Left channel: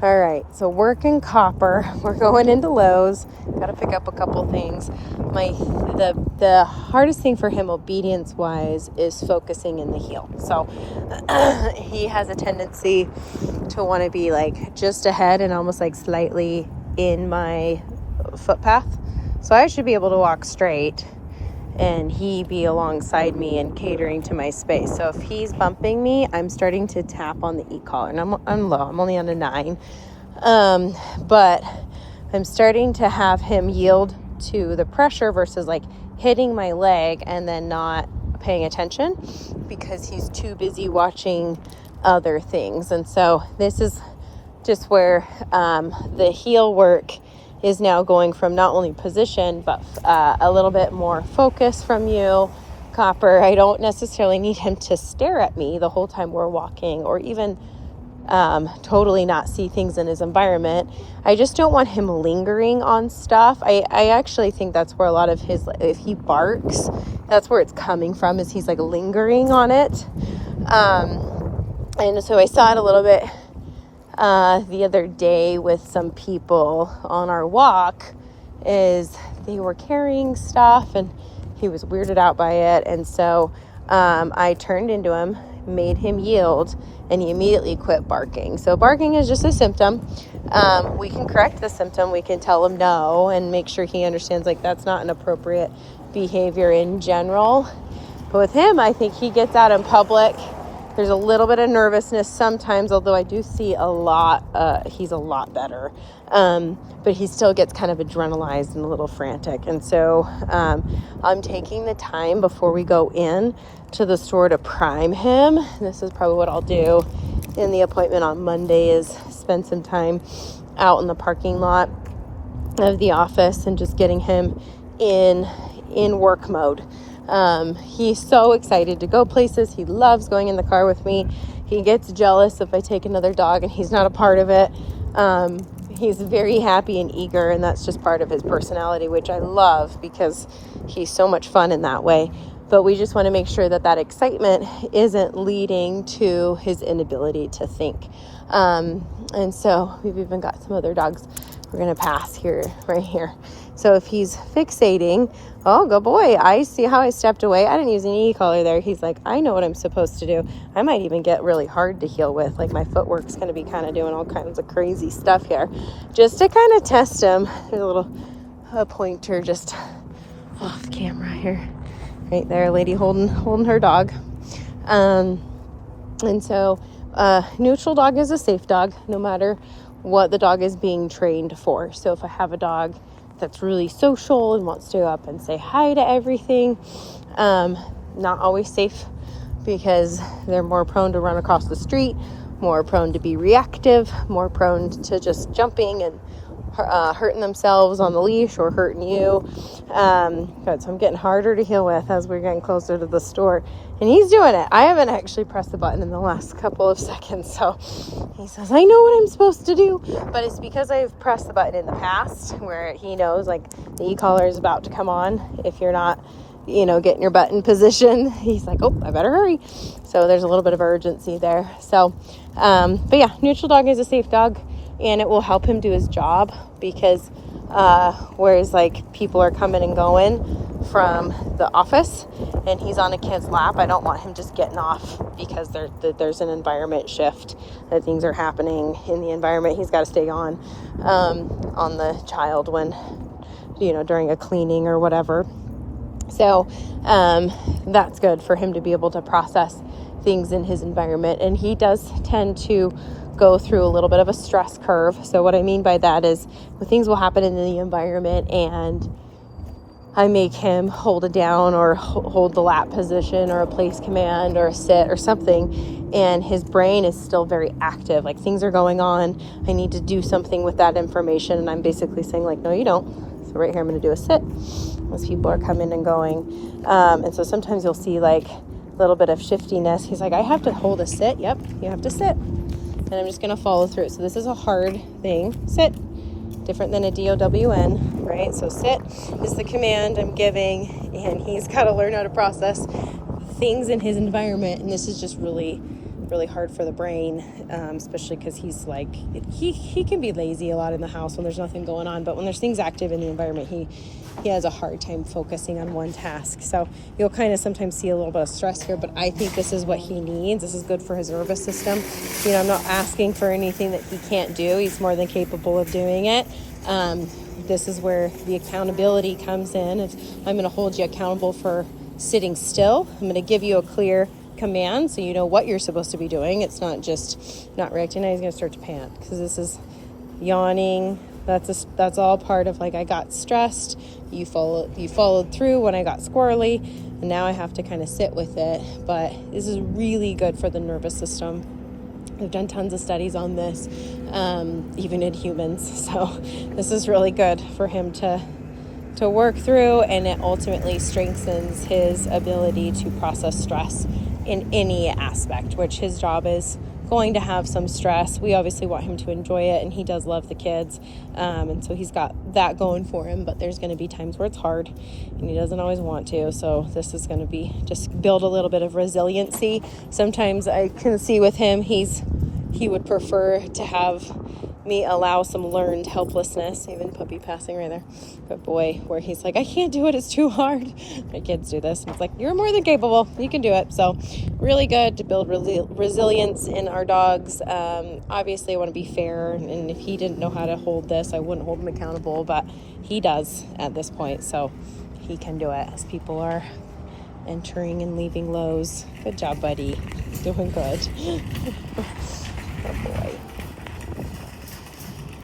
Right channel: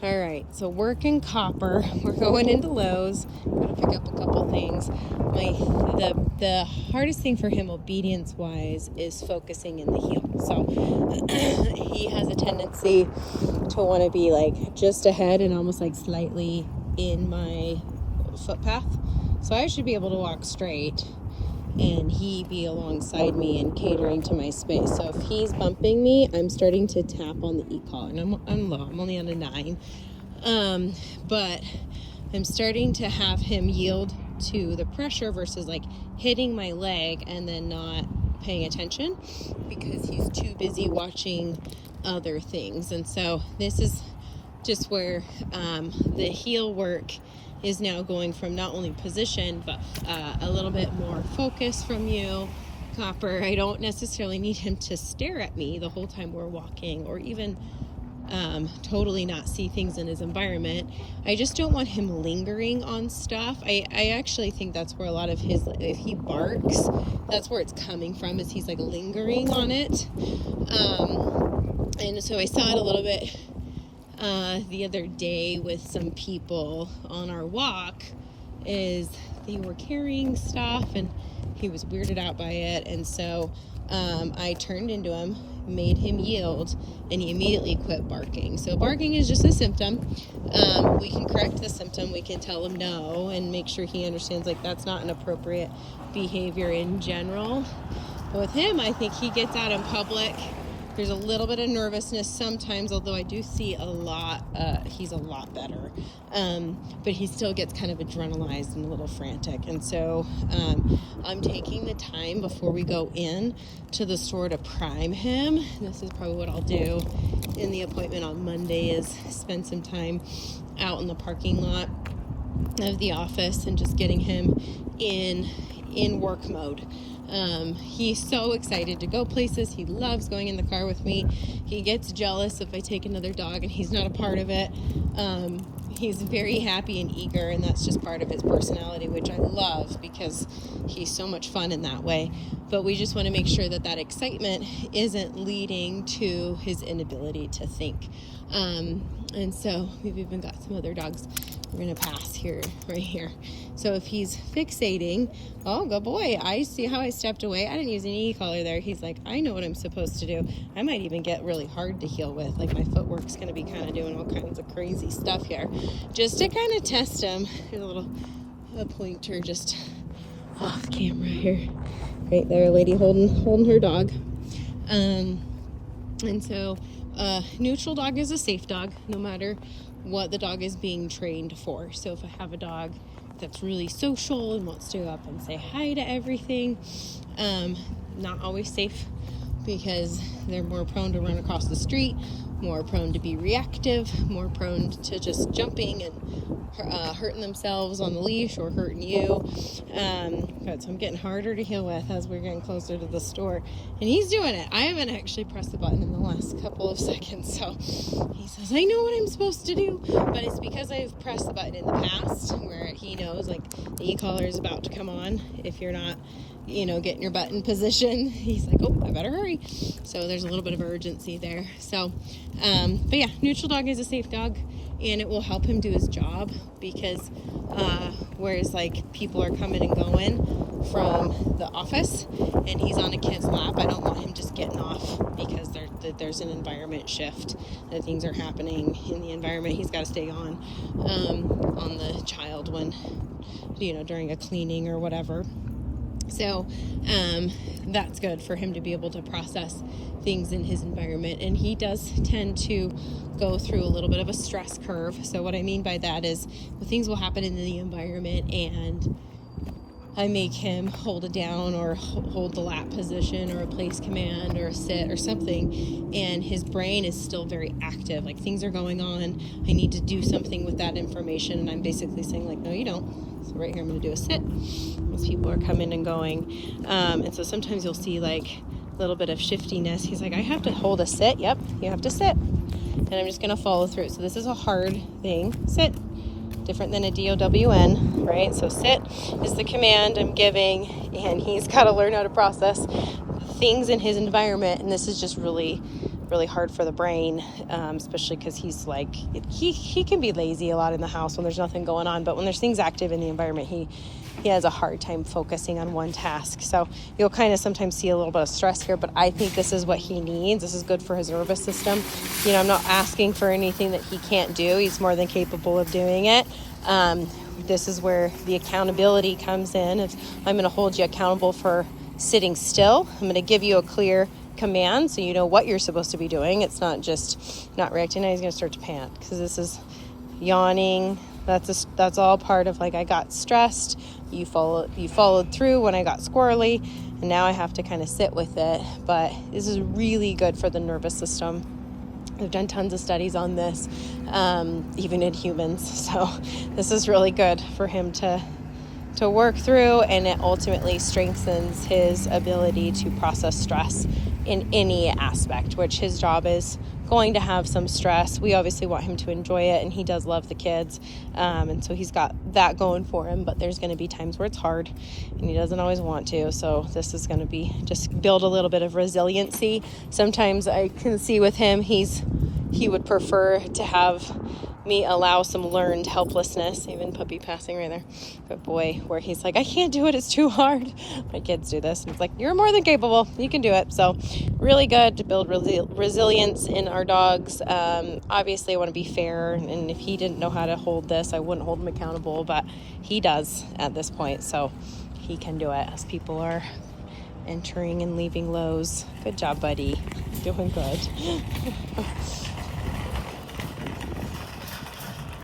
All right, so working copper. We're going into Lowe's. Got to pick up a couple things. The hardest thing for him, obedience wise, is focusing in the heel. So he has a tendency to want to be like just ahead and almost like slightly in my footpath. So I should be able to walk straight, and he be alongside me and catering to my space. So if he's bumping me, I'm starting to tap on the e-collar, and I'm low. I'm only on a 9. But I'm starting to have him yield to the pressure versus like hitting my leg and then not paying attention because he's too busy watching other things. And so this is just where the heel work is now going from not only position, but a little bit more focus from you, Copper. I don't necessarily need him to stare at me the whole time we're walking, or even totally not see things in his environment. I just don't want him lingering on stuff. I actually think that's where a lot of his, if he barks, that's where it's coming from, is he's like lingering on it. And so I saw it a little bit the other day with some people on our walk, is they were carrying stuff and he was weirded out by it. And so I turned into him, made him yield, and he immediately quit barking. So barking is just a symptom. We can correct the symptom. We can tell him no and make sure he understands like that's not an appropriate behavior in general. But with him, I think he gets out in public. There's a little bit of nervousness sometimes, although I do see a lot, he's a lot better. But he still gets kind of adrenalized and a little frantic. And so I'm taking the time before we go in to the store to prime him. This is probably what I'll do in the appointment on Monday, is spend some time out in the parking lot of the office and just getting him in work mode. He's so excited to go places. He loves going in the car with me. He gets jealous if I take another dog and he's not a part of it. He's very happy and eager, and that's just part of his personality, which I love because he's so much fun in that way. But we just want to make sure that that excitement isn't leading to his inability to think. And so we've even got some other dogs we're going to pass here, right here. So if he's fixating, oh, good boy, I see how I stepped away. I didn't use any e-collar there. He's like, I know what I'm supposed to do. I might even get really hard to heel with. Like my footwork's going to be kind of doing all kinds of crazy stuff here just to kind of test him. There's a little pointer just off camera here. Right there, a lady holding her dog. And so neutral dog is a safe dog, no matter what the dog is being trained for. So if I have a dog that's really social and wants to go up and say hi to everything, not always safe, because they're more prone to run across the street, more prone to be reactive, more prone to just jumping and hurting themselves on the leash or hurting you. So I'm getting harder to heel with as we're getting closer to the store, and he's doing it. I haven't actually pressed the button in the last couple of seconds, so he says, I know what I'm supposed to do, but it's because I've pressed the button in the past where he knows like the e-collar is about to come on. If you're not, getting your butt in position, he's like, oh, I better hurry. So there's a little bit of urgency there. So, but yeah, neutral dog is a safe dog, and it will help him do his job, because whereas like people are coming and going from the office and he's on a kid's lap, I don't want him just getting off because there's an environment shift, that things are happening in the environment. He's got to stay on the child when, during a cleaning or whatever. So that's good for him to be able to process things in his environment. And he does tend to go through a little bit of a stress curve. So what I mean by that is things will happen in the environment and I make him hold it down or hold the lap position or a place command or a sit or something, and his brain is still very active. Like things are going on. I need to do something with that information. And I'm basically saying like, no, you don't. So right here, I'm going to do a sit as people are coming and going. And so sometimes you'll see like a little bit of shiftiness. He's like, I have to hold a sit. Yep, you have to sit. And I'm just going to follow through. So this is a hard thing. Sit. Different than a DOWN, right? So sit is the command I'm giving, and he's got to learn how to process things in his environment. And this is just really really hard for the brain, especially because he's like, he can be lazy a lot in the house when there's nothing going on, but when there's things active in the environment, he has a hard time focusing on one task. So you'll kind of sometimes see a little bit of stress here, but I think this is what he needs. This is good for his nervous system. You know, I'm not asking for anything that he can't do. He's more than capable of doing it. This is where the accountability comes in. If I'm going to hold you accountable for sitting still, I'm going to give you a clear command so you know what you're supposed to be doing. It's not just not reacting. Now he's going to start to pant because this is yawning. That's all part of like, I got stressed. You followed through when I got squirrely, and now I have to kind of sit with it. But this is really good for the nervous system. We've done tons of studies on this, even in humans. So this is really good for him to work through, and it ultimately strengthens his ability to process stress in any aspect, which his job is going to have some stress. We obviously want him to enjoy it, and he does love the kids, and so he's got that going for him, but there's going to be times where it's hard and he doesn't always want to. So this is going to be just build a little bit of resiliency. Sometimes I can see with him, he would prefer to have me allow some learned helplessness. Even puppy passing right there. But boy, where he's like, I can't do it, it's too hard. My kids do this, and it's like, you're more than capable, you can do it. So really good to build resilience in our dogs. Obviously I want to be fair, and if he didn't know how to hold this, I wouldn't hold him accountable, but he does at this point, so he can do it as people are entering and leaving lows. Good job, buddy. Doing good. Oh boy.